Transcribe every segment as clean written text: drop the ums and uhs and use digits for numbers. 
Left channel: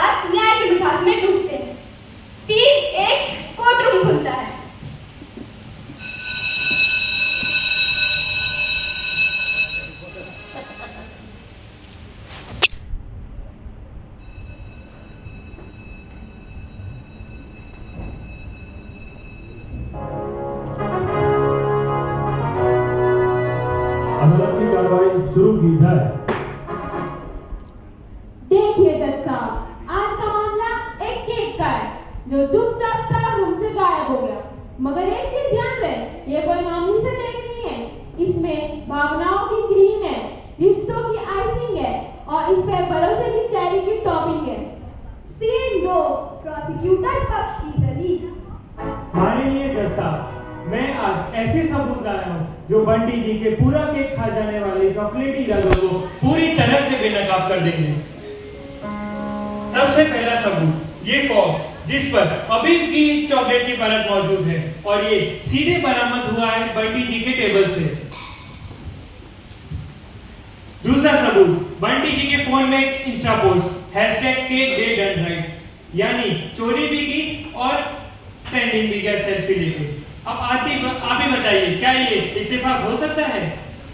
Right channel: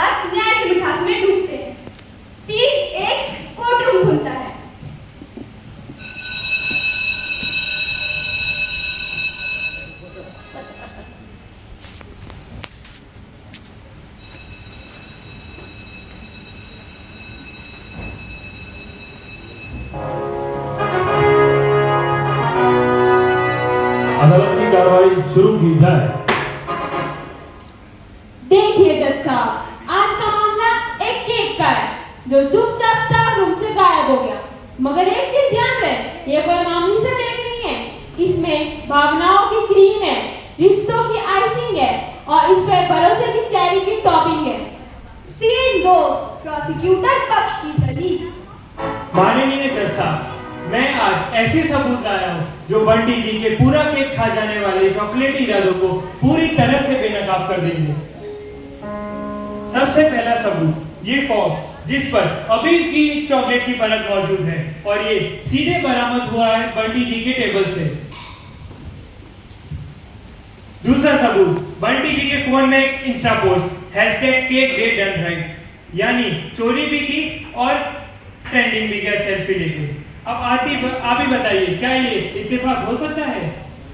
साथ न्याय की मिठास में डूबते हैं। सीन एक कोर्ट रूम खुलता है। अदालत की कार्रवाई शुरू की जाए। देखिए जज साहब, आज का मामला एक केक का है जो चुपचाप स्टाफ रूम से गायब हो गया। मगर एक चीज ध्यान दें, ये कोई मामूली सा केक नहीं है। इसमें भावनाओं की क्रीम है, रिश्तों की आइसिंग है और इस पर भरोसे की चेरी की टॉपिंग है। सीन 2 प्रोसिक्यूटर पक्ष की दलील। माननीय जज साहब, मैं आज ऐसे सबूत लाया हूँ जो बंटी जी के पूरा केक खा जाने वाले चॉकलेटी इरादों को पूरी तरह से बेनकाब कर देंगे। सबसे पहला सबूत, ये फॉर्म जिस पर अभी की चॉकलेट की परत मौजूद है और ये सीधे बरामद हुआ है बंटी जी के टेबल से। दूसरा सबूत, बंटी जी के फोन में इंस्टा पोस्ट #CakeDayDoneRight, यानी चोरी भी की और ट्रेंडिंग भी किया सेल्फी लेके। अब आप ही बताइए, क्या ये इत्तेफाक हो सकता है?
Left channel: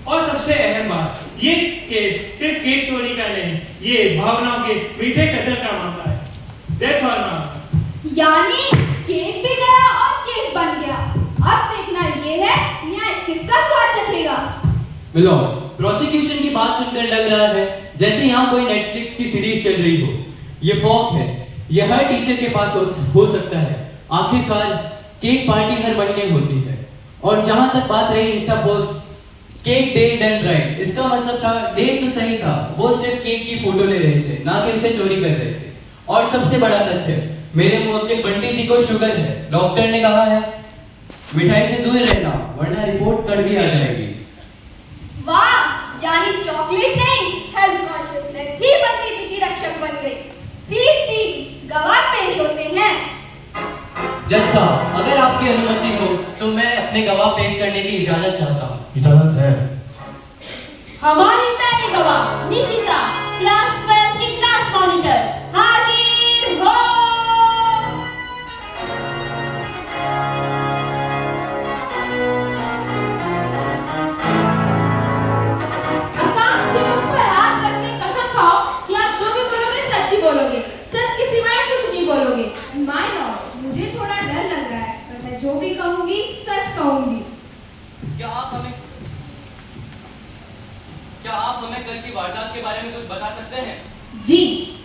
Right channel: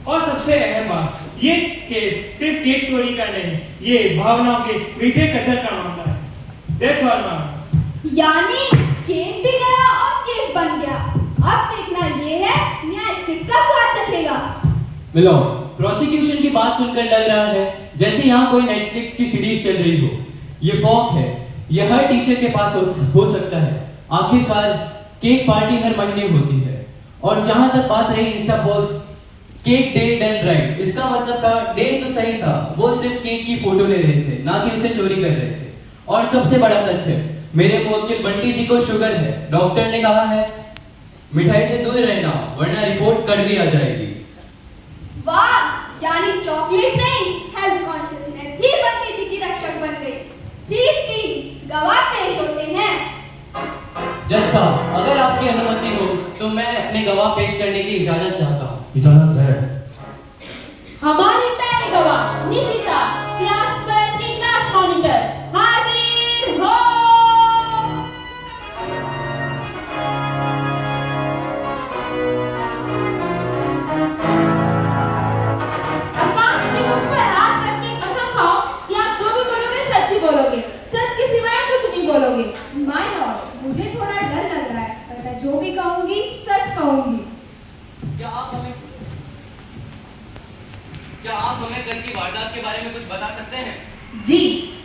और सबसे अहम बात, ये केस सिर्फ केक चोरी का नहीं, ये भावनाओं के मीठे कदर का मामला है। That's all, ma'am. यानी केक भी गया और केक बन गया। अब देखना ये है न्याय किसका स्वाद चखेगा। मिलो, प्रोसिक्यूशन की बात सुनकर लग रहा है जैसे यहाँ कोई नेटफ्लिक्स की सीरीज चल रही हो। ये फॉक है, ये हर टीचर के पास हो सकता है। आखिरकार केक पार्टी हर महीने होती है। और जहां तक बात रही Insta post cake day done right, इसका मतलब था डेट तो सही था, वो सिर्फ केक की फोटो ले रहे थे, ना कि उसे चोरी कर रहे थे। और सबसे बड़ा तथ्य, मेरे मुवक्किल बंटी जी को शुगर है। डॉक्टर ने कहा है मिठाई से दूर रहना वरना रिपोर्ट कड़वी आ जाएगी। वाह, यानी चॉकलेट नहीं, हेल्थ कॉन्शियसनेस ही बंटी जी की रक्षक बन गई। सीन 3 गवाह पेश होते हैं। जज साहब, अगर आपकी अनुमति हो तो मैं अपने गवाह पेश करने की इजाजत चाहता हूँ। इजाजत है। हमारी पहली गवाह निशिता, क्लास 12 की क्लास मॉनिटर, हाजिर हो। आकाश की मुख पर हाथ रख के कसम खाओ कि आप जो भी बोलोगे सच ही बोलोगे, सच के सिवाय कुछ नहीं बोलोगे। माय लॉर्ड, मुझे थोड़ा डर लग रहा है, पर मैं जो भी कहूंगी सच कहूंगी। क्या आप हमें कल की वारदात के बारे में कुछ बता सकते हैं? जी,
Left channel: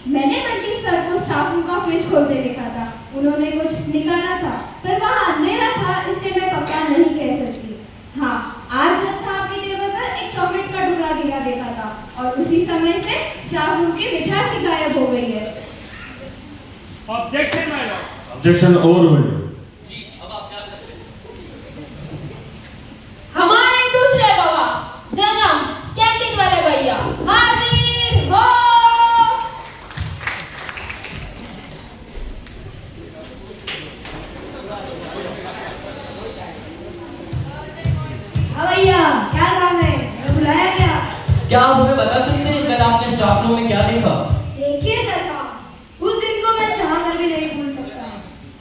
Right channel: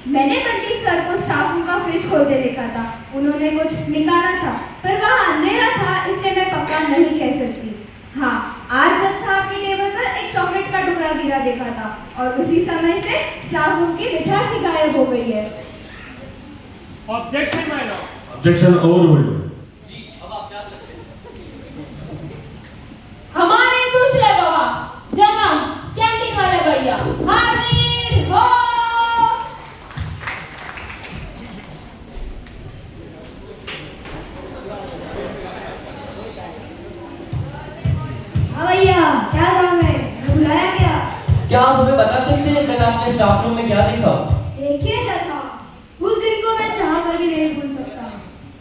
मैंने बंटी सर को स्टाफ रूम का फ्रिज खोलते देखा था। उन्होंने कुछ निकाला था, पर वहाँ अंधेरा था, इसलिए मैं पक्का नहीं कह सकती। हाँ, आज जज साहब की टेबल पर एक चॉकलेट का टुकड़ा गिरा देखा था और उसी समय से स्टाफ रूम की मिठास ही गायब हो गई है। Objection my lord. Objection overruled. जी, अब आप जा सकते हैं। हमारे दूसरे गवाह जनाब कैंटीन वाले भैया, हाजिर हो। हाँ भैया, क्या काम है? मैं बुलाया क्या? क्या आप हमें बता सकते हैं कल आपने स्टाफ रूम में क्या देखा? देखिए सरकार, उस दिन को मैं चाह कर भी नहीं भूल सकता।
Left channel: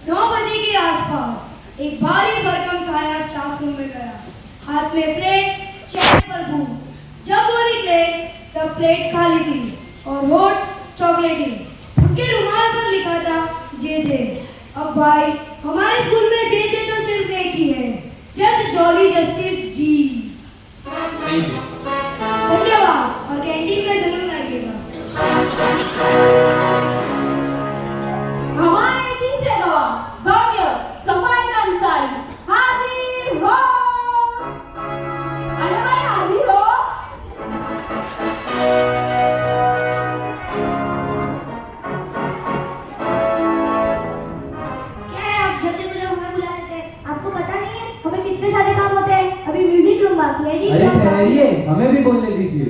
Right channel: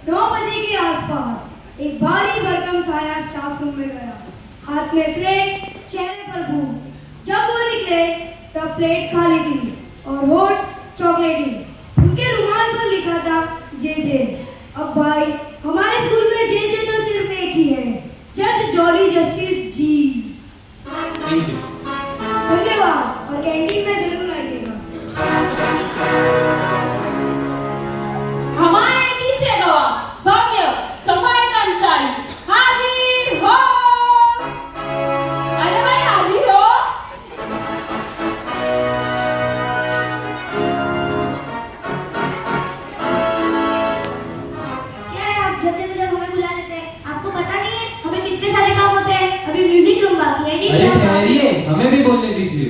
9 बजे के आसपास एक भारी भरकम साया स्टाफ रूम में गया, हाथ में प्लेट, चेहरे पर भूख। जब वो निकले तब प्लेट खाली थी और होठ चॉकलेटी। उनके रुमाल पर लिखा था जे। अब भाई, हमारे स्कूल में जे तो सिर्फ एक ही है, जज Jolly justice ji. Thank you. धन्यवाद, और कैंटीन में जरूर आइएगा। हमारे तीसरे गवाह भव्य सफाई कर्मचारी, हाजिर हो। अरे भाई हाजिर हो। क्या है आप जब देखो जब हमें बुला लेते हैं? आपको पता नहीं है हमें कितने सारे काम होते हैं? अभी म्यूजिक रूम बाकी है, डीजे अरे रूम बाकी है। ठहरिए, हमें भी बोलने दीजिए।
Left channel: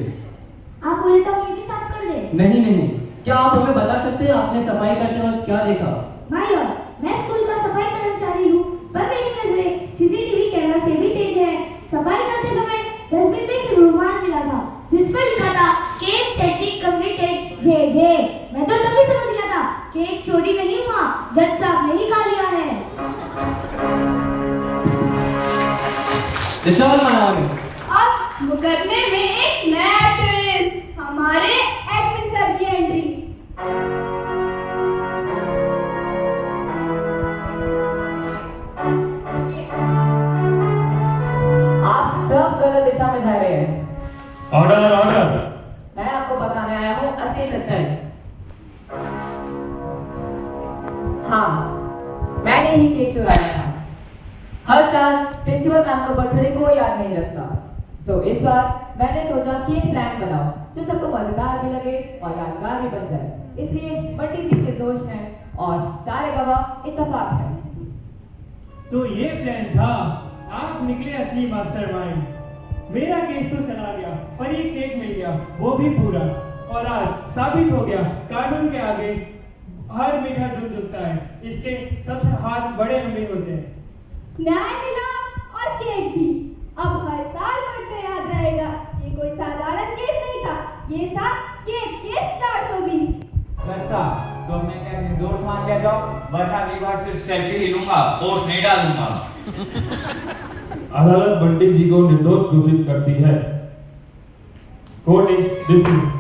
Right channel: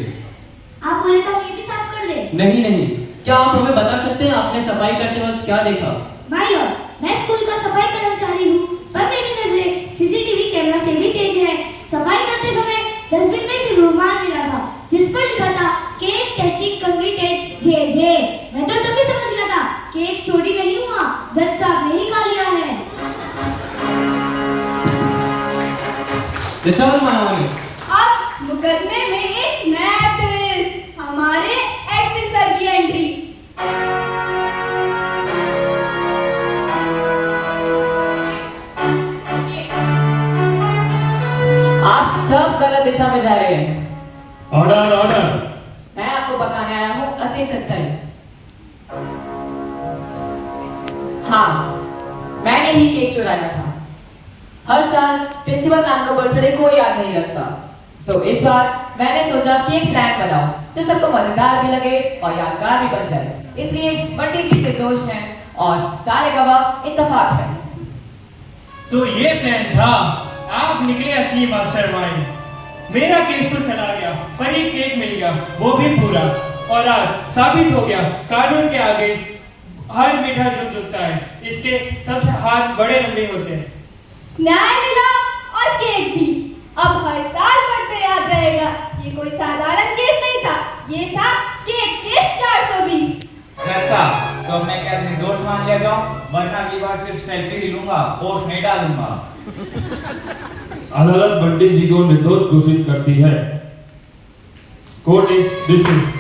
आप बोले तो हम ये भी साफ कर दें। नहीं, क्या आप हमें बता सकते हैं आपने सफाई करते वक्त क्या देखा? माय लॉर्ड, मैं स्कूल का सफाई कर्मचारी हूँ, पर मेरी नजरें सीसीटीवी कैमरा से भी तेज है। सफाई करते समय डस्टबिन में एक रुमाल मिला था जिस पर लिखा था केक टेस्टिंग कंप्लीटेड जे। मैं तो तभी समझ गया था That's all, my honor. अब मुकदमे में एक नया ट्विस्ट, हमारे एडमिन सर की एंट्री। आप सब गलत दिशा में जा रहे हैं। Order order. मैं आपको बताने आया हूँ असली सच्चाई। हाँ, मैंने ही केक चुराया था। हर साल प्रिंसिपल मैम का बर्थडे कोई याद नहीं रखता, सो इस बार मैंने सोचा कि एक प्लान बनाऊं जो सबको मजेदार भी लगे और यादगार भी बन जाए। इसलिए बंटी जी निर्दोष हैं और सारे गवाह इत्तेफाक हैं। तो ये प्लान था, आप निकले असली मास्टरमाइंड। मेरा केस तो चला गया, पर ये केक मिल गया, वो भी पूरा। और आज साबित हो गया कानून के आगे हर मीठा झुकता है, इसके सबसे हाथ बड़े लंबे होते हैं। न्याय मिला और केक भी। अब हर साल पढ़ते याद रहेगा, ये कोई साधारण केस नहीं था, ये था केक केस 420। अच्छा, तो मैं क्या निर्दोष मान लिया जाऊं? वरना अगली बार सिर्फ सेल्फी ही लूंगा, पोस्ट नहीं डालूंगा। अदालत बंटी जी को निर्दोष घोषित करती है। Court is dismissed.